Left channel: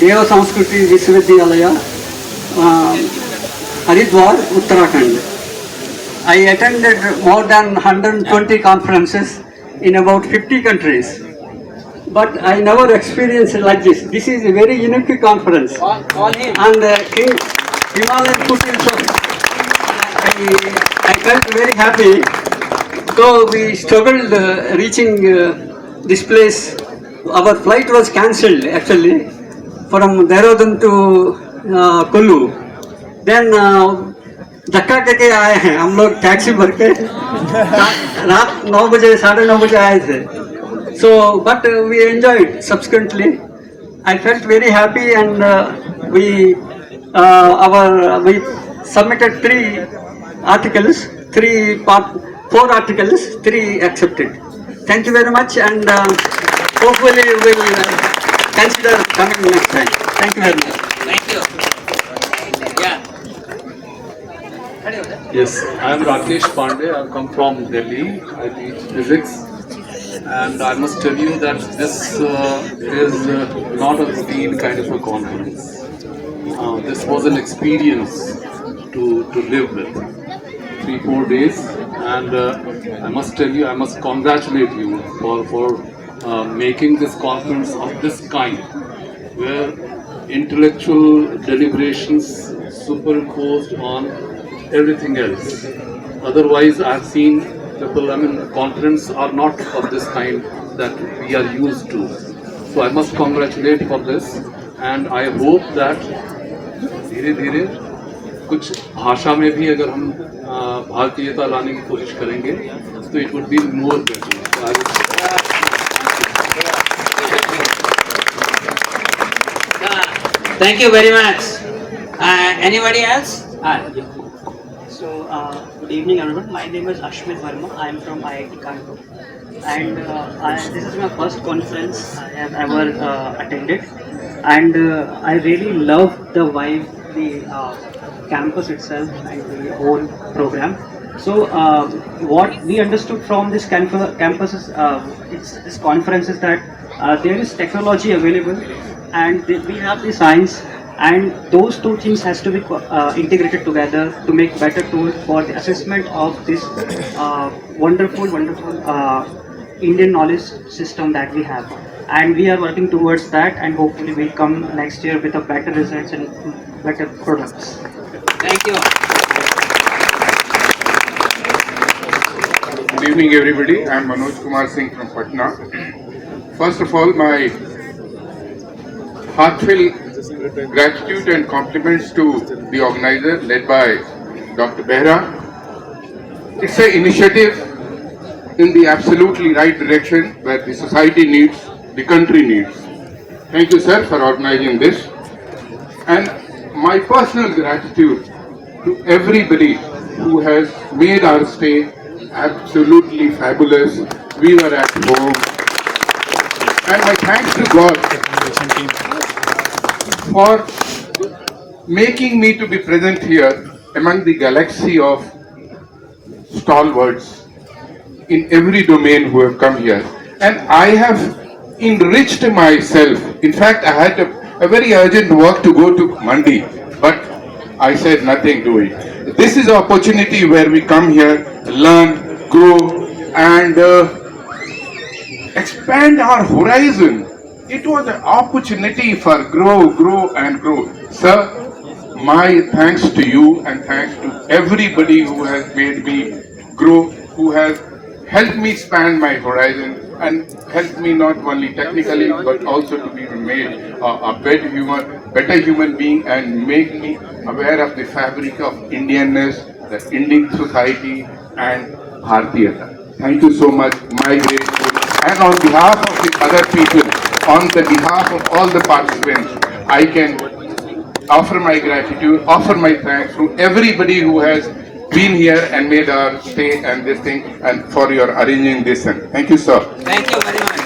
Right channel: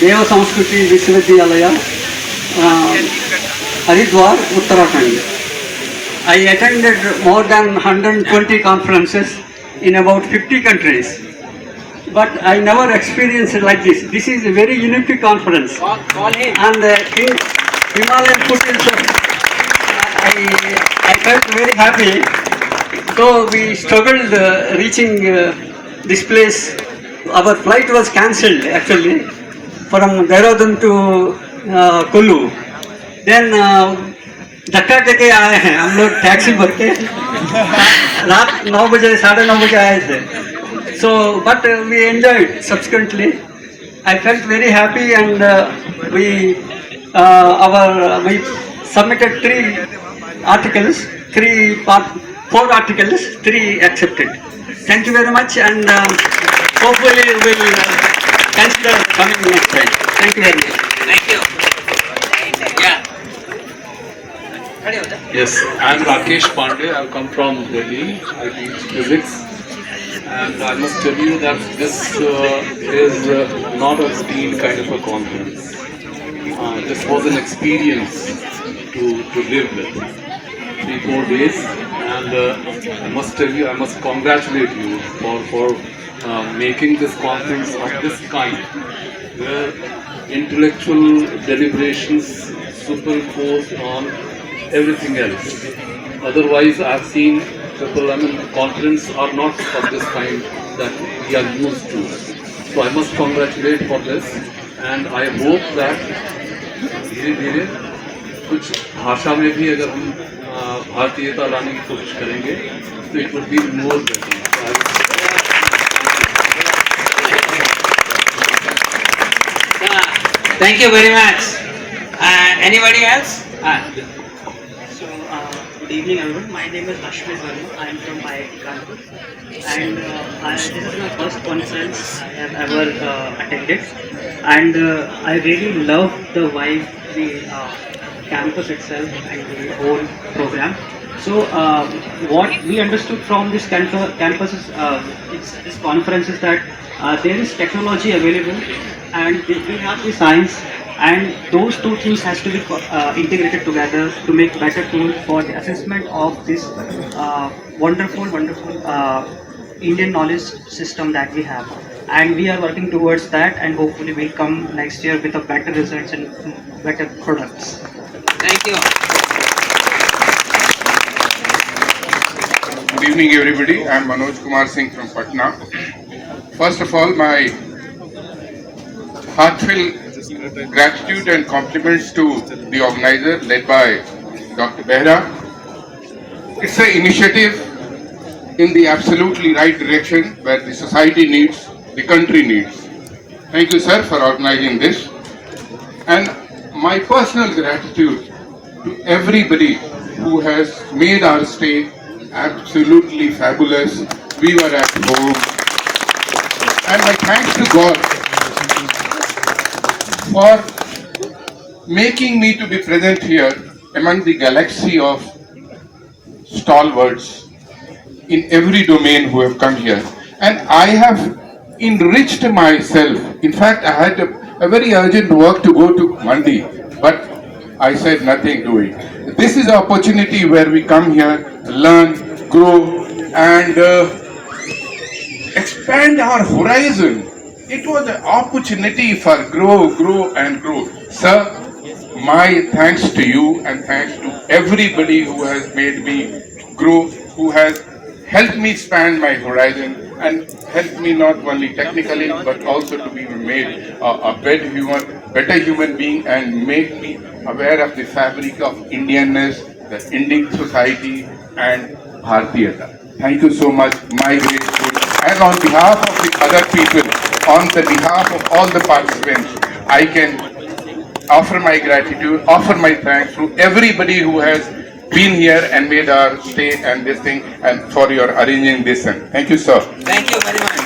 Deva Sanskriti Vishwavidyalaya, Haridwar, Uttarakhand. I attended more than 120 conferences in about 50 countries. But I never experienced it like this. This is a very unique conference. And in Himalayan foothills, I felt very happy. Though we struggled reaching this place, our flight was cancelled actually from Dehradun to Kullu. Then धक्का देके आए हैं हम लोग taxi भर के रात 9 बजे 9:30 बजे आए थे. So but we enjoyed subsequently. I felt very happy and we submitted 4 articles, 3 accepted. Thank you very much and hopefully we will consider coming next time. Thank you very much. Thank you. Yeah. Yes, I am Rakesh Pandey. I come from Delhi. I teach physics, and I must tell you that this is not a routine kind of a conference. This was an experience to live with. 3-4 days, and I must tell you, I must congratulate you for making this conference of this kind, where intellectual deliberations superimposed on everything else. Otherwise, I've seen people, conference are not of this kind that we are used to. So I must congratulate for this, and I hope that धीरे धीरे कुछ भाषा में भी अगर हम भारतीयता लाने की कोशिश करेंगे तो it would be more better. Thank you very much. Anybody else? So, good evening everyone. My name is Ashmit Verma. I am from IIT Kanpur. And this is my first conference I have ever attended. And I really love the vibe, the campus itself and the whole program. So, what we understood from this campus is, this conference is that there is technology available and we have the science, and those two things has to be integrated together to make better tool for the assessment of this wonderful Indian knowledge system that we have. And we are working towards that, and hopefully we'll come next year with a better results and better products. Thank you. Good evening, everybody. I am Manoj Kumar Singh from Patna. First of all, my heartfelt gratitude and compliments to the organizer led by Dr. Behra. It's an initiative in the absolutely right direction where the society needs, the country needs. Thank you, sir, for organizing this. And my personal gratitude to everybody who has made our stay absolutely fabulous. We were at home. And my thanks to God for making me to be present here among the galaxy of stalwarts in every domain who have come here. And I have enriched myself. In fact, I had a very urgent work to go to Mandi, but I said nothing to it. This is an opportunity where we come here, learn, grow, and expand our horizon. It was an opportunity for grow and grow. Sir, my thanks to you and thanks to everybody who has made me grow, who has helped me expand my horizon and helped me not only technically but also to be made a better human being and make me aware of the fabric of Indianness, the Indian society and Bhartiyata. Thank you so much, my grateful. And on behalf of the other people, on the behalf of all the participants, I can offer my gratitude, offer my thanks to everybody who has been here and made our stay and this thing and for your arranging this. Thank you, sir. Thank you very much.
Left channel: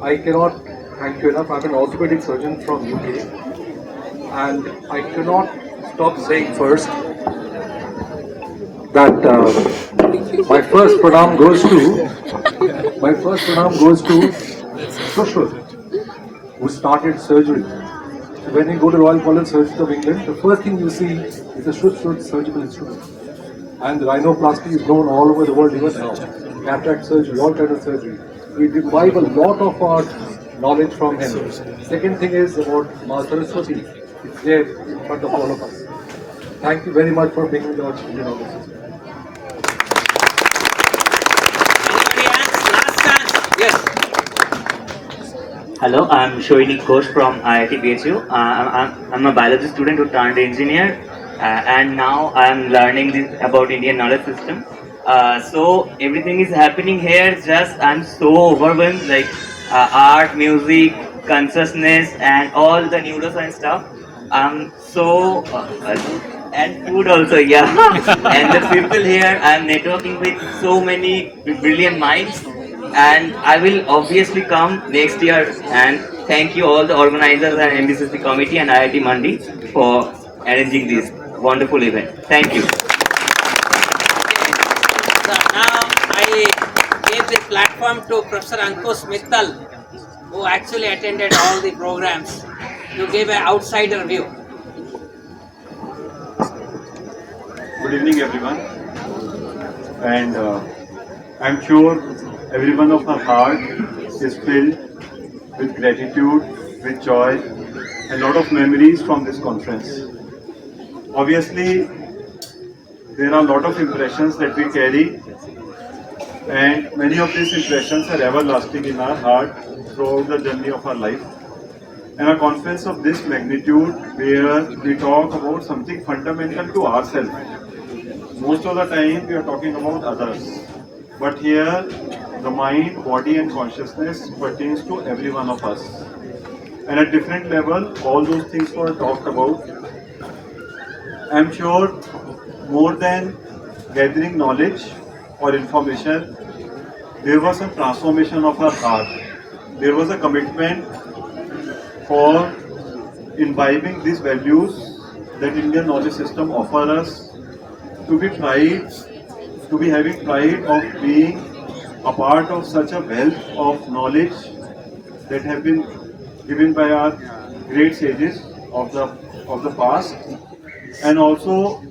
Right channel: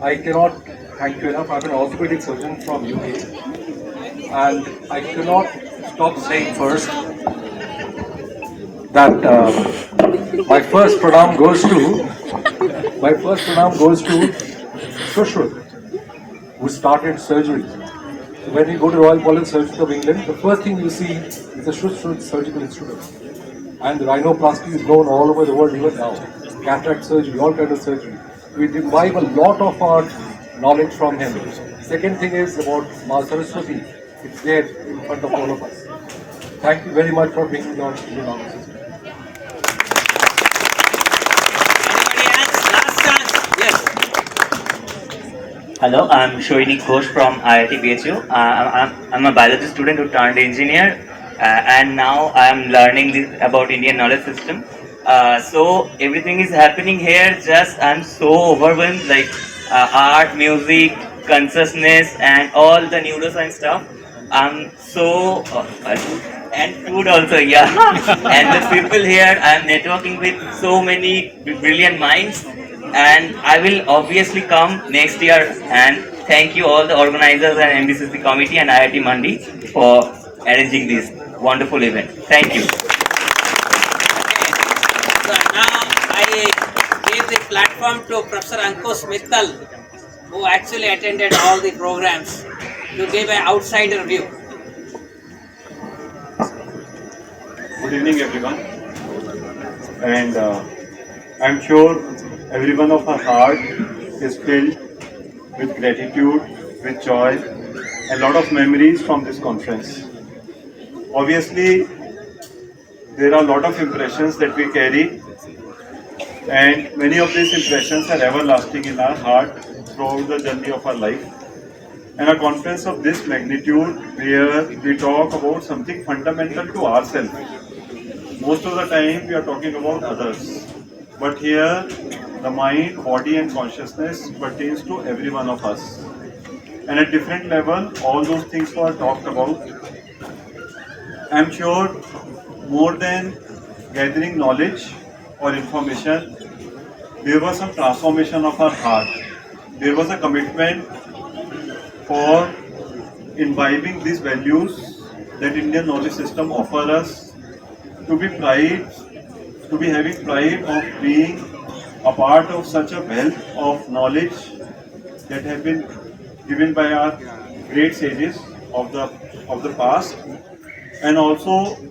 I cannot thank you enough. I'm an orthopedic surgeon from UK, and I cannot stop saying first that my first pranam goes to Shushruth, who started surgery. So when you go to Royal College Surgery of England, the first thing you see is a Shushruth surgical instrument. And rhinoplasty is known all over the world even now. Cataract surgery, all kinds of surgery. We derive a lot of our knowledge from him. Second thing is about Ma Saraswati. It's there in front of all of us. Thank you very much for being with us. Anybody else? Last chance. Yes. Hello, I'm Shoinik Ghosh from IIT BHU. I'm a biology student who turned engineer, and now I'm learning about Indian knowledge system. So everything is happening here. Just I'm so overwhelmed, like art, music, consciousness, and all the neuroscience stuff. I'm so and food also, yeah. And the people here, I'm networking with so many brilliant minds. And I will obviously come next year, and thank you all the organizers and MBCC committee and IIT Mandi for arranging this wonderful event. Thank you. So now I gave the platform to Professor Ankush Mittal, who actually attended all the programs, to give an outsider view. Good evening, everyone. And I'm sure every one of our heart is filled with gratitude, with joy, a lot of memories from this conference. Obviously, there are a lot of impressions that we carry, and many of these impressions are everlasting in our heart throughout the journey of our life. And a conference of this magnitude, where we talk about something fundamental to ourselves. Most of the time we are talking about others, but here the mind, body and consciousness pertains to every one of us. And at different level, all those things were talked about. I'm sure more than gathering knowledge or information, there was some transformation of our heart. There was a commitment for imbibing these values that Indian knowledge system offers us, to be having pride of being a part of such a wealth of knowledge that have been given by our great sages of the past, and also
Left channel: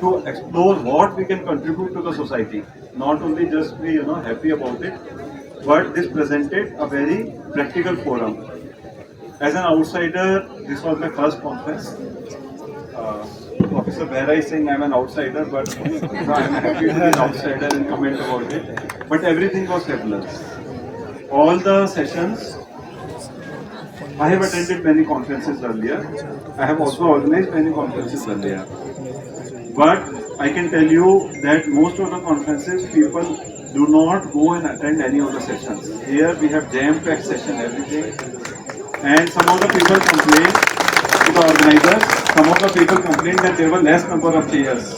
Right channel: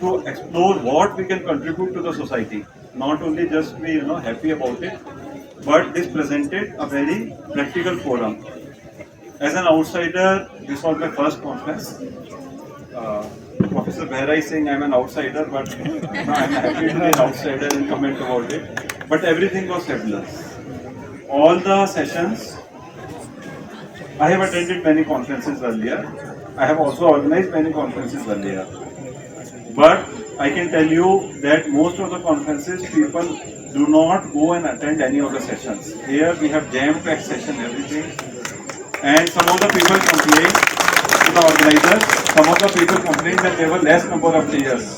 to explore what we can contribute to the society. Not only just be happy about it, but this presented a very practical forum. As an outsider, this was my first conference. Professor Behra is saying I'm an outsider, but I'm happy to be an outsider and comment about it. But everything was fabulous. All the sessions, I have attended many conferences earlier. I have also organized many conferences earlier. But I can tell you that most of the conferences, people do not go and attend any of the sessions. Here we have jam-packed session, everything. And some of the people complain to the organizers, some of the people complain that there were less number of chairs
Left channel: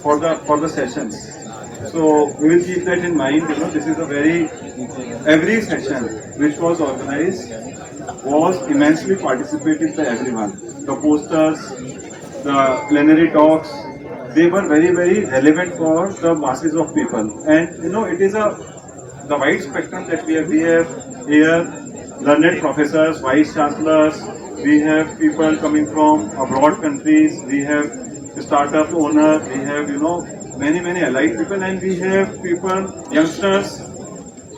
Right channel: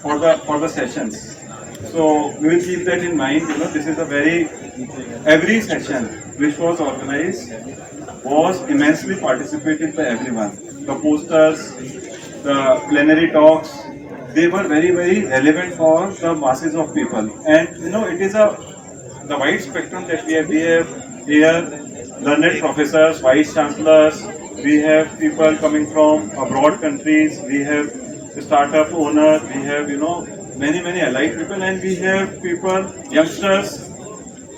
for the sessions. So we will keep that in mind. This is a every session which was organized was immensely participated by everyone. The posters, the plenary talks, they were very, very relevant for the masses of people. And it is the wide spectrum that we have. We have here learned professors, vice chancellors, we have people coming from abroad countries, we have startup owners, we have many allied people, and we have people, youngsters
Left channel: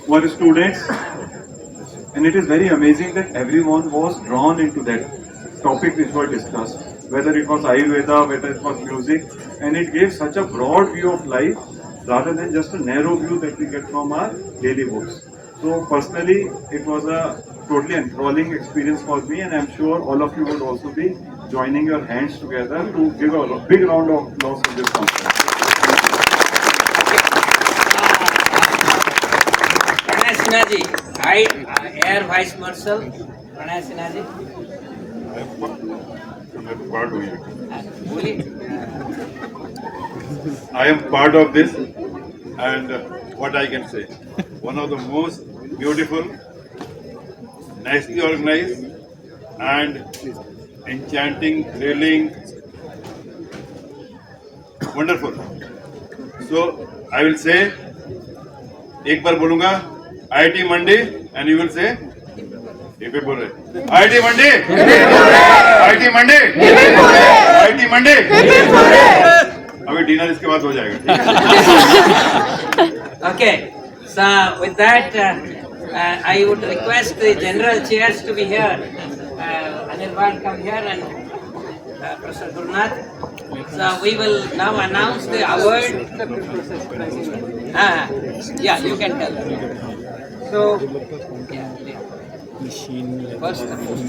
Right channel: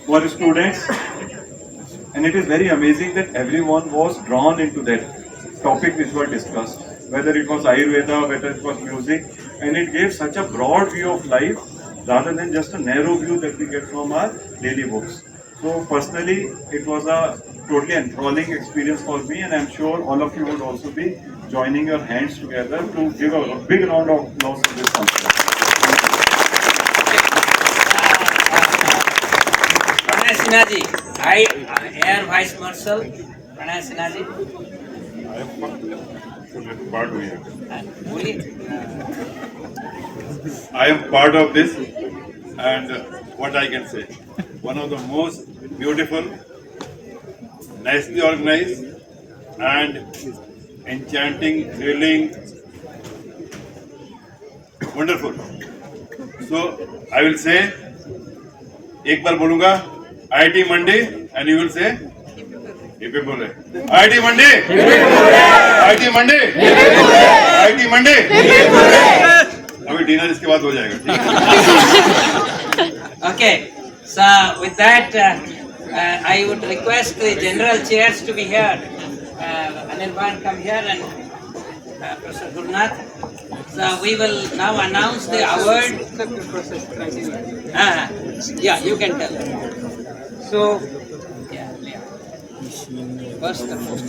who are students. And it is very amazing that everyone was drawn into that topic which were discussed, whether it was Ayurveda, whether it was music, and it gave such a broad view of life rather than just a narrow view that we get from our daily books. So personally, it was a totally enthralling experience for me, and I'm sure all of you would also be joining your hands together to give a big round of applause to this conference. Pranay Sinha ji, Air Vice Marshal Pranay Sinha ji. I am part of this, and what I can say, one of the most beautiful, nicely organized and enchanting, thrilling, wonderful. So I will say, एक बार बोलूँगा, IIT Mandi, and you will say, IIT Mandi, IIT Mandi, IIT Mandi. अभी dinner इसके बाद हो जाएगा. Okay, so with that, I would request the general chairs to be here. Anirban, come here, and Professor Gurnath. So we will now announce the award. Yeah, you can tell. So, yeah. First the post.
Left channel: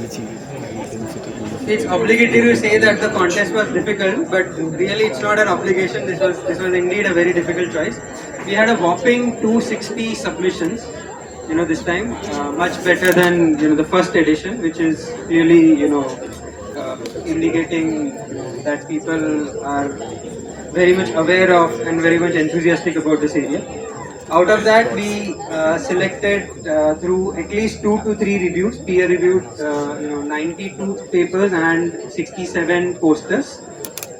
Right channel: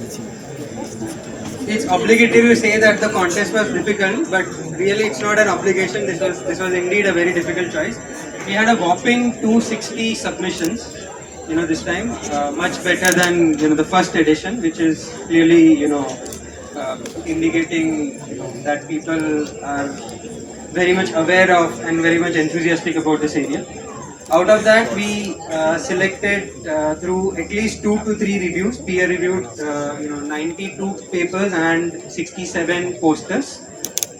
It's obligatory to say that the contest was difficult, but really it's not an obligation. This was indeed a very difficult choice. We had a whopping 260 submissions, this time, much better than the first edition, which is clearly indicating that people are very much aware of and very much enthusiastic about this area. Out of that, we selected through at least 2 to 3 reviews, peer-reviewed, 92 papers and 67 posters.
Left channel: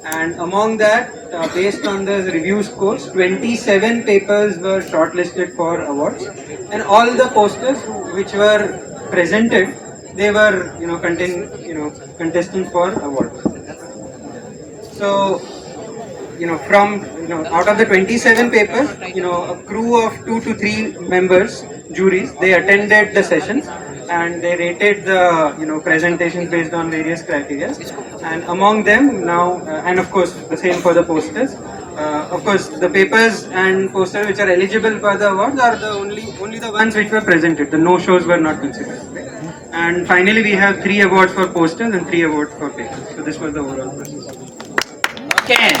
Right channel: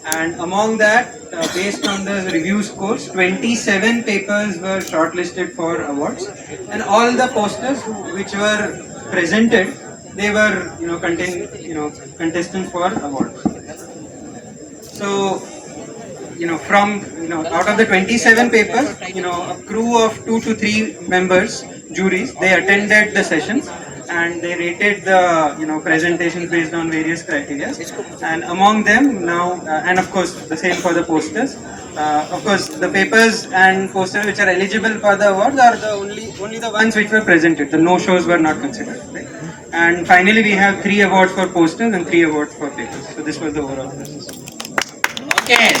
And among that, based on the review scores, 27 papers were shortlisted for awards, and all the posters which were presented, they were, contestants for awards. So, from out of the 27 papers, a crew of 2 to 3 members, juries, they attended the sessions and they rated the presentations based on various criteria. And among them now, and of course the same for the posters. Of course, the papers and posters which are eligible for the awards are the only the ones which were presented. The no shows were not considered. And finally, we have 3 awards for posters and 3 awards for papers. So this was the overall process. Okay.